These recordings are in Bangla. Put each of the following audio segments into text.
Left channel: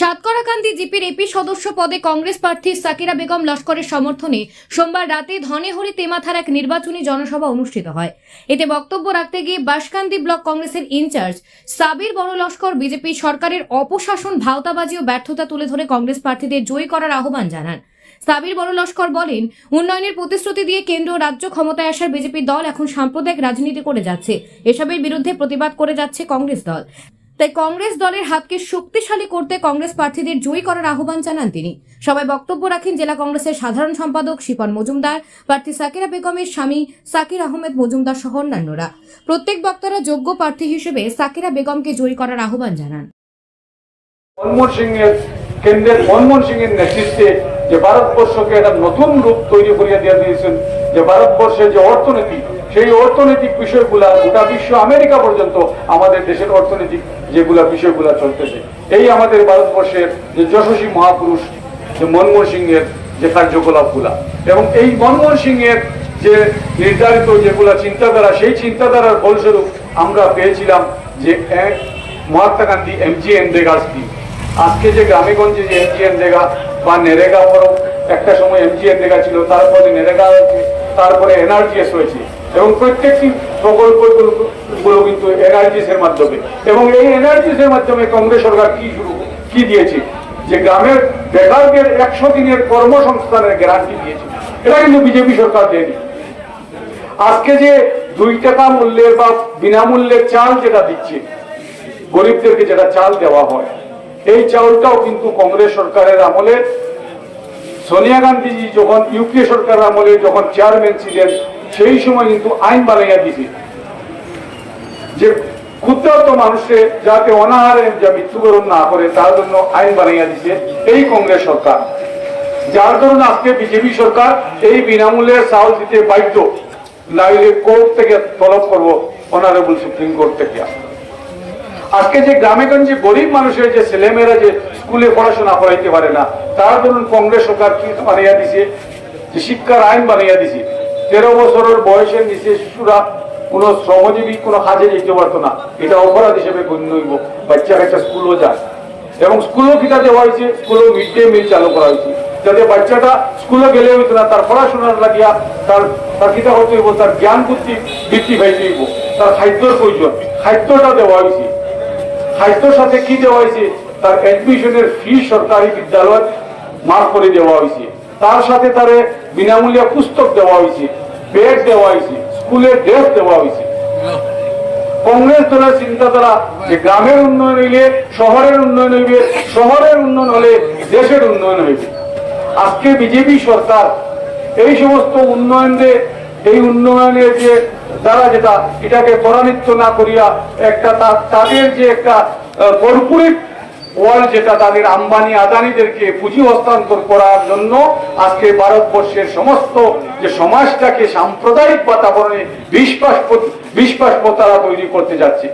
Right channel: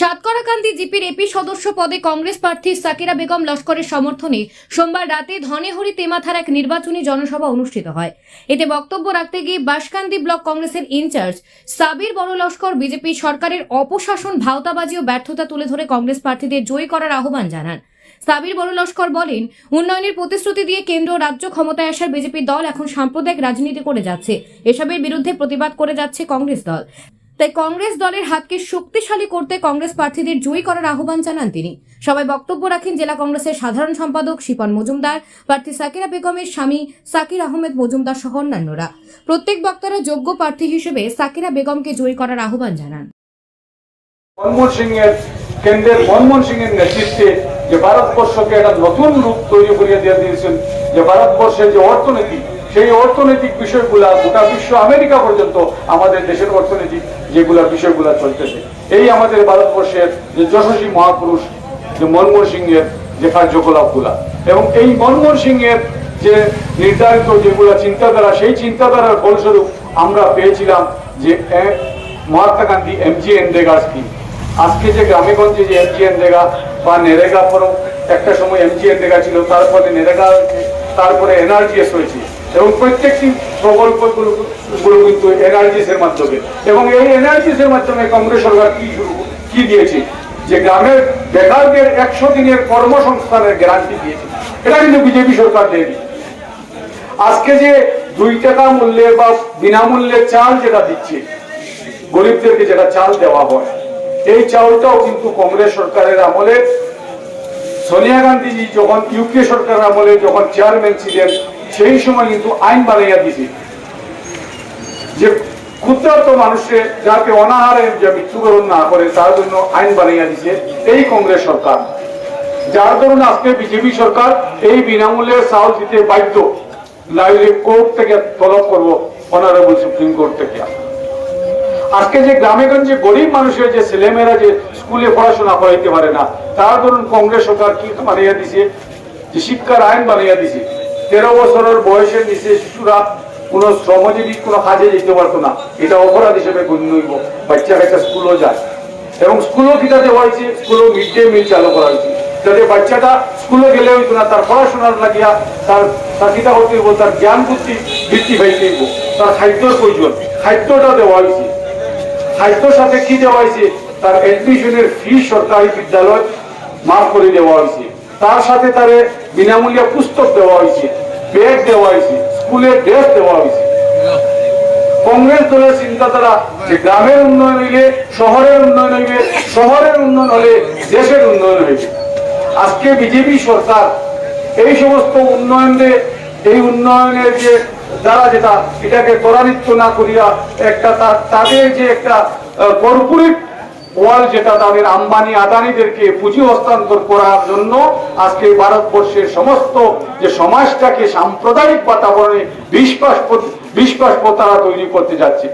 সাতকরাকান্দি জিপির এপি সদস্য পদে কংগ্রেস প্রার্থী সাকিরা বেগম লস্করের সমর্থনে সোমবার রাতে ধনেহরি তেমাথার এক নির্বাচনী জনসভা অনুষ্ঠিত হয়। এতে বক্তব্য রাখতে গিয়ে বাসকান্দি ব্লক কংগ্রেসের ইনচার্জ সাবির বড় লস্কর বিজেপি সরকারের অপশাসন ভাওতাবাজি ও ব্যর্থতা তুলে ধরে কংগ্রেস প্রার্থীদের জয়ী করার আহ্বান জানান। সাবির বড় লস্কর বলেন, উন্নয়নের প্রতিশ্রুতি দিয়ে কেন্দ্র রাজ্য ক্ষমতায় আসার বিজেপি দল এখন সাম্প্রদায়িক রাজনীতি করে যাচ্ছে। এসবের বিরুদ্ধে প্রতিবাদ করে যাচ্ছে কংগ্রেস দল। তাই কংগ্রেস দলের হাতকে শক্তিশালী করতে কংগ্রেস প্রার্থীদের জয়ী করার আহ্বান জানান তিনি। সবাই বক্তব্য রাখেন জেলা কংগ্রেসের সাধারণ সম্পাদক শিপন মজুমদার, প্রার্থী সাকিরা বেগমের স্বামী সাকির আহমেদ মজুমদার সহ অন্যান্যরা। প্রত্যেক বক্তারা যোগ্য প্রার্থী হিসেবে সাকিরা বেগমকে জয়ী করার আহ্বান জানান। কেন্দ্রের মনমোহন সিং এর নেতৃত্বে যে ভারতবর্ষকে একটা নতুন রূপ তৈরি করিয়া দিয়ে দিয়েছেন, যে ভারতবর্ষের যে অর্থনীতি সেই অর্থনৈতিক বিষয়গুলা গোটা বিশ্ব, আমেরিকা পর্যন্ত আমাদের দেশের অর্থনৈতিক যেগুলা বিষয়গুলা চলতেছে, এই আমাদের ভারতবর্ষের যে যশস্বী মহাপুরুষ, যে মনমোহন সিং এর যে কার্যকলাপগুলা এবং এই মনমোহন সিং এর যে নির্ধারিত যেগুলা চিন্তাধারা, সেই চিন্তাধারার ফলস্বরূপ আমরা পেয়েছিলাম যে Mahatma Gandhi MG NREGA scheme আজকে যে গ্রামেগঞ্জে যে এমজি এনরেগা বা নেরেগা ফরম একটা সময় এমজি এনরেগা ছিল, তারপরে নেরেগা হয়েছে, তারপরে এনআরজিএস হয়েছে। এবং প্রত্যেকটি প্রকল্পগুলো গুলো কিন্তু এনআরজিএস এর মাধ্যমে। এবং এই এনআরজিএস এর মাধ্যমে কংগ্রেস সরকার কি কি দিয়েছে? যে গ্রামের বেকারদের একশো দিনের কর্মসংস্থানের গ্যারান্টি দিয়েছে। এটা কিন্তু বিজেপি সরকার দেয়নি। আজকে যে দুই টাকা মূল্যে বা বিনামূল্যে চাল যেটা দিচ্ছে, গরিবদেরকে যেটা চাল দেওয়া হয়, এই চালটাও কিন্তু কংগ্রেস সরকারের আমলে, সোনিয়া গান্ধীজি যখন ইউপিএ সরকারের আমলে যখন চেয়ারম্যান ছিলেন সেই সময় কিন্তু আইন বানাইয়া দিছে। যে ক্ষুদ্রত মানুষের যাতে অনাহারে যে মৃত্যুবরণ না করে, তার জন্য আইন বানাইয়া দিছে এই কংগ্রেস সরকার। যার কারণে আজকে বিজেপি সরকার এই বিনামূল্যের চাউল দিতে বাধ্য। নাইলে কোর্ট থেকে তলব করব অনারেবল সুপ্রিম কোর্ট থেকে। আজকে যে গ্রামে গঞ্জে গরিব মানুষের যে ছেলেমেয়েরা যে স্কুলে পড়াশোনা করাইতে পারে না, তারা ধরুন কংগ্রেস সরকার কি বানাইয়া দিছে? যে শিক্ষার আইন বানাইয়া দিছে। তেরো বছরের বয়সের নিচে শিশুরা কোন শ্রমজীবী কোন কাজে যেতে পারতো না। এটা অপরাধ হিসেবে গণ্য হইব। বাচ্চা একটা স্কুলও যায়। এবং স্কুলও কিটা দেওয়া হয়েছে? স্কুলেও মিড ডে মিল চালু করা হয়েছে। যাতে বাচ্চাটা স্কুলে গেলে হইতো না, তার পড়াশোনার লাগিয়া তার তার কিটা হতে হইব, তার জ্ঞান বুদ্ধি বৃদ্ধি পাইতে হইব। তার খাদ্যর প্রয়োজন, খাদ্যটা দেওয়া হয়েছে। খাদ্যর সাথে কি দেওয়া হয়েছে? তার এডমিশনের ফি সরকারি বিদ্যালয় মাফ করে দেওয়া হয়েছে। তার সাথে তার বিনামূল্যে পুস্তক দেওয়া হয়েছে ব্যাগ দেওয়া হয়েছে, স্কুলের ড্রেস দেওয়া হয়েছে। কংগ্রেস দলের চিন্তাধারা যে গ্রামের উন্নয়ন হইলে, শহরের উন্নয়ন হইবে শহরের উন্নয়ন হলে দেশের উন্নয়ন হইবে। আজকে বিজেপি সরকার এই সমস্ত উন্নয়নের এই উন্নয়নের যে দ্বারা যেটা, এটাকে ত্বরান্বিত না করিয়া একটা তাদের যে একটা কর্পোরেট ওয়ার্ল্ড যেটা তাদের আম্বানি আদানিদেরকে পুঁজি হস্তান্তর করার জন্য আজকে ভারতবর্ষের সমস্ত যে সমাজটাকে সাম্প্রদায়িক বাতাবরণে বিশ্বাস বিশ্বাস তারা তৈরি করতে যাচ্ছে।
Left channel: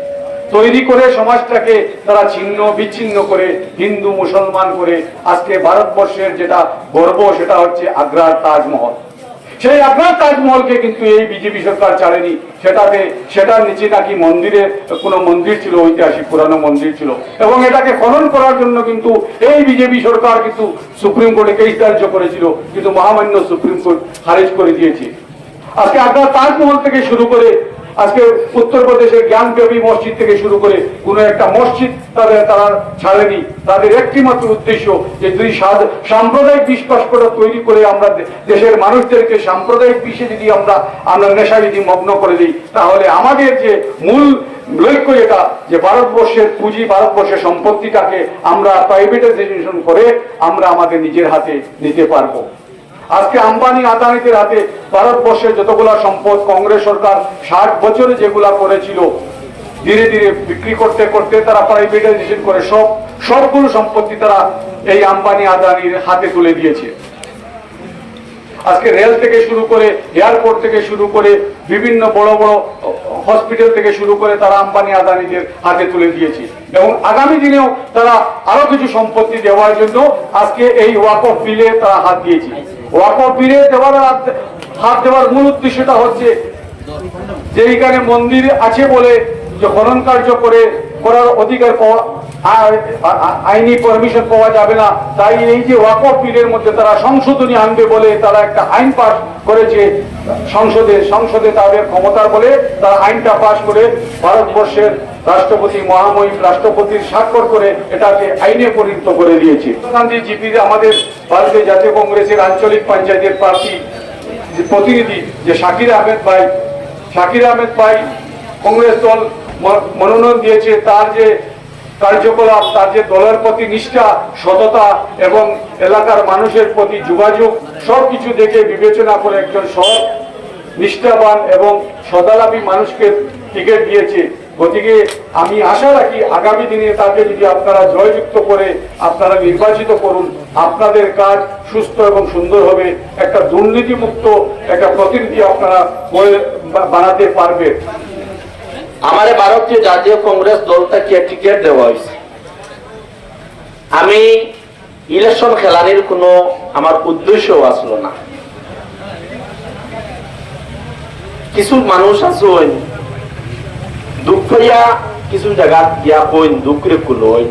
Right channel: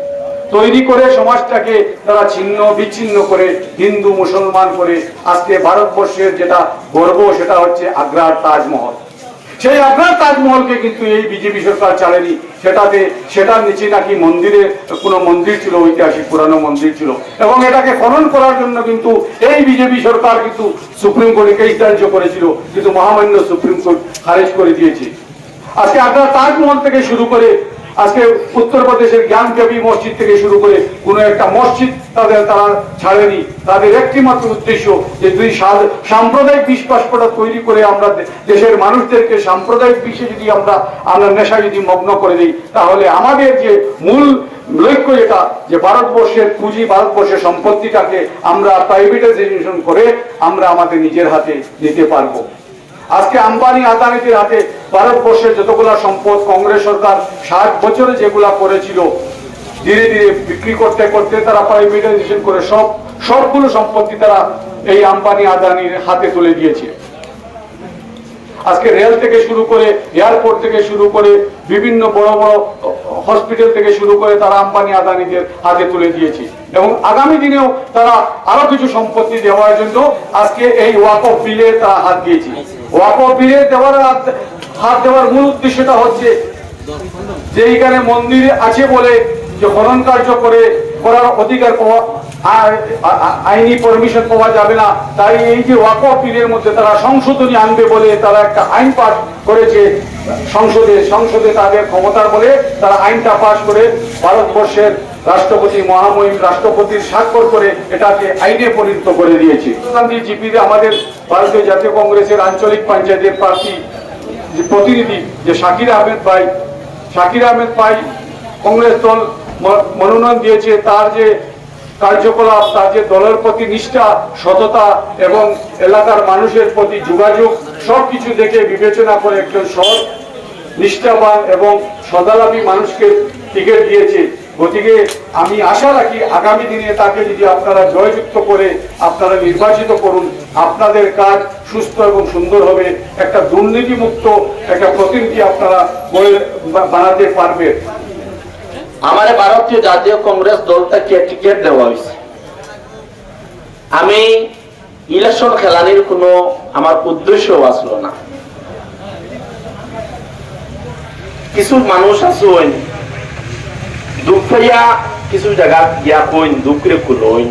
তৈরি করে সমাজটাকে তারা ছিন্ন, বিচ্ছিন্ন করে হিন্দু, মুসলমান করে আজকে ভারতবর্ষের যেটা গর্ব সেটা হচ্ছে আগ্রার তাজমহল। সেই আপনার তাজমহলকে কিন্তু এই বিজেপি সরকার চালেনি সেটাতে সেটার নিচে নাকি মন্দিরে, কোনো মন্দির ছিল, ঐতিহাসিক পুরানো মন্দির ছিল। এবং এটাকে খনন করার জন্য কিন্তু এই বিজেপি সরকার কিন্তু সুপ্রিম কোর্টে কেস দার্য করেছিল, কিন্তু মহামান্য সুপ্রিম কোর্ট খারিজ করে দিয়েছে। আজকে আপনার তাজমহল থেকে শুরু করে আজকে উত্তরপ্রদেশের জ্ঞানদেবী মসজিদ থেকে শুরু করে কোন একটা মসজিদ তাদের তারা ছাড়েনি। তাদের একটি মাত্র উদ্দেশ্য যে দুই সাম্প্রদায়িক বিশ্বাসটা তৈরি করে আমরা দেশের মানুষদেরকে সাম্প্রদায়িক বিষয়ে যদি আমরা আমরা নেশা যদি মগ্ন করে দিই, তাহলে আমাদের যে মূল লক্ষ্য যেটা, যে ভারতবর্ষের পুঁজি, ভারতবর্ষের সম্পত্তিটাকে আমরা প্রাইভেটাইজেশন করে আমরা আমাদের নিজের হাতে নিতে পারব। আজকে আম্বানি আদানিদের হাতে ভারতবর্ষের যতগুলা সম্পদ কংগ্রেস সরকার ষাট বছরে যেগুলা করেছিল, ধীরে ধীরে বিক্রি করতে করতে তারা প্রাইভেটাইজেশন করে সব, সবগুলো সম্পত্তি তারা এই আম্বানি আদানির হাতে তুলে দিয়েছে। আজকে রেল থেকে শুরু করে এয়ারপোর্ট থেকে শুরু করে বিভিন্ন বড় বড় হসপিটাল থেকে শুরু করে তারা আম্বানি আদানিদের হাতে তুলে দিয়েছে। এবং আগামী দিনেও তারা আরও কিছু সম্পত্তি দেওয়ার জন্য আজকে এই ওয়াক অফ বিলে তারা হাত দিয়েছে। ওয়াক অফ বিলে দেওয়ার হাত- দেওয়ার মূল উদ্দেশ্যটা হচ্ছে যে এইখানে মন্দির আছে বলে যে খনন কার্য করে করার অধিকার পাওয়া আইনি পারমিশন পাওয়া যাবে না, তাই এই যে ওয়াকফ বিলের মধ্যে তারা সংশোধনী আনবে বলে তারা একটা আইন পাস করেছে সংসদে সংসদে তাদের ক্ষমতার বলে তারা আইনটা পাস করে ভারতবর্ষের রাষ্ট্রপতি মহামহিম রাষ্ট্রপতির স্বাক্ষর করে এটাকে আইনে পরিণত করে দিয়েছে। গান্ধী জিপি আমাদের ভারতীয় জাতীয় কংগ্রেসের আঞ্চলিক পঞ্চায়েতের প্রার্থী প্রতিনিধি যে শাকির আহমেদ ভাই, শাকির আহমেদ ভাই কংগ্রেস দল মনোনয়ন দিয়েছে, তার যে কার্যকলাপ, তার যে দলের প্রতি নিষ্ঠা, সততা এবং এলাকার মানুষের প্রতি যোগাযোগ, সবকিছু দেখে বিবেচনা করে একজন সৎ, নিষ্ঠাবান এবং সদালাপী মানুষকে টিকিট দিয়েছে। গতিকে আমি আশা রাখি আগামী দিনে তাকে যদি আপনারা জয়যুক্ত করে আপনারা নির্বাচিত করুন, আপনাদের কাজ সুস্থ এবং সুন্দর হবে। একটা দুর্নীতিমুক্ত একটা প্রতিনিধি আপনারা বানাতে পারবেন। আমার ভারতীয় জাতীয় কংগ্রেস দল থেকে টিকিট দেওয়া হয়েছে? আমি ইলেকশন খেলানির কোনো আমার উদ্দেশ্য আসলো না। কিছু মানুষ আছেন দুঃখ পাইয়া কিছু জায়গা গিয়া কইন দুঃখরে কুলইন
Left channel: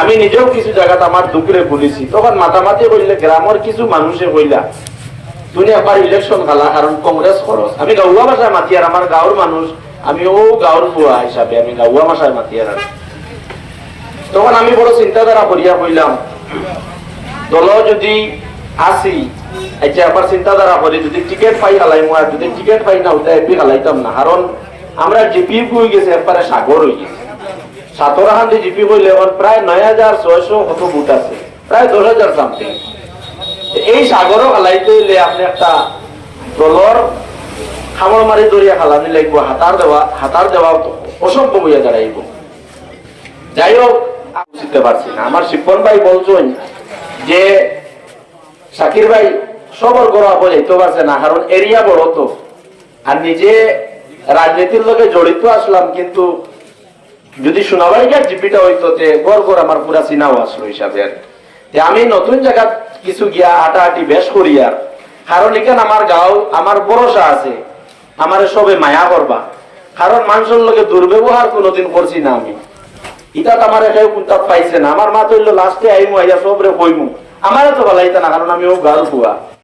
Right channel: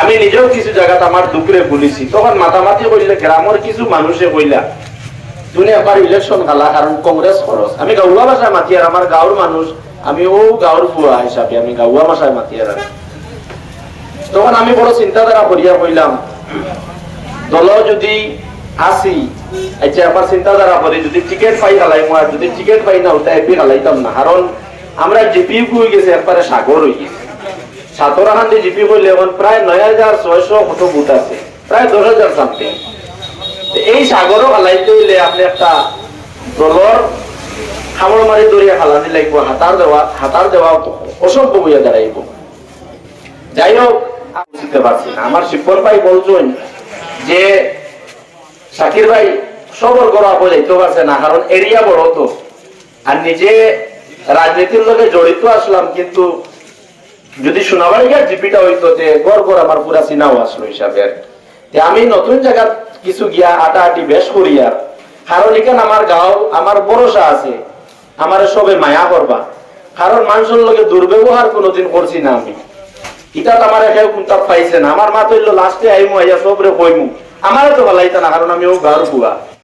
আমি নিজেও কিছু জায়গাত আমার দুঃখরে কুলিছি তখন মাতামাতি কইলে, গ্রামের কিছু মানুষে কইলা তুমি আবার ইলেকশন খেলা কারণ কংগ্রেস খরচ। আমি গাউয়া ভাষায় মাতি আর আমার গাঁর মানুষ, আমি ও গাঁর বুয়া হিসাবে আমি গাউয়া ভাষায় মাতি আর তখন আমি বড় চিন্তাধারা করিয়া কইলাম, দল যদি আসি আচ্ছা আবার চিন্তাধারা করি, যদি টিকিট পাই হালাই আর যদি টিকিট পাই না ওটা এপি হালাইতাম না। কারণ আমরা জিপি হয়ে গেছে, একবারে সাগর হয়ে গেছে। সাতরাখান্দি জিপি হইলে এখন প্রায় নয় হাজার ছয়শো কত বুট আছে প্রায় দশ হাজার সামথিং এই সাগরও হালাইতে হইলে আপনি একটা দলর খাবার মারি দরিয়া হালানি লাগবো হাতার দেওয়া হাতার দেওয়া অসম্ভব হইয়া দাঁড়াইব যাই হোক বুঝতে পারছি না। আমার শিক্ষণ ভাই বলছেন যে শাকির ভাই সবর করা বলে তো আছে না কারণ এরিয়া বড় তো। আর নিজে রাজনীতির লোকে জড়িত আসলাম, কিন্তু যদি সোনাবাড়িয়ার জিপিটা হইতো তে গড় আমার পুরা চিনাও আসলো হিসাবে আমি নতুন জায়গা কিছু গিয়া আটা আটি বেশ করিয়া, কারণ আমার গাঁও, আমার ভরসা আছে, আমার সবে মায়া করবা। কারণ মানুষের লোকে দুর্ব্যবহার কোনোদিন করছি না আমি। ইটা তো আমার এটাও কুন্তা পাইছে না। আমার মা তো লাস্টে আইমু, আইয়া সবরে কইমু। আমারে তো বলাইতা না, কারণ আমি ও ঘর বুয়া।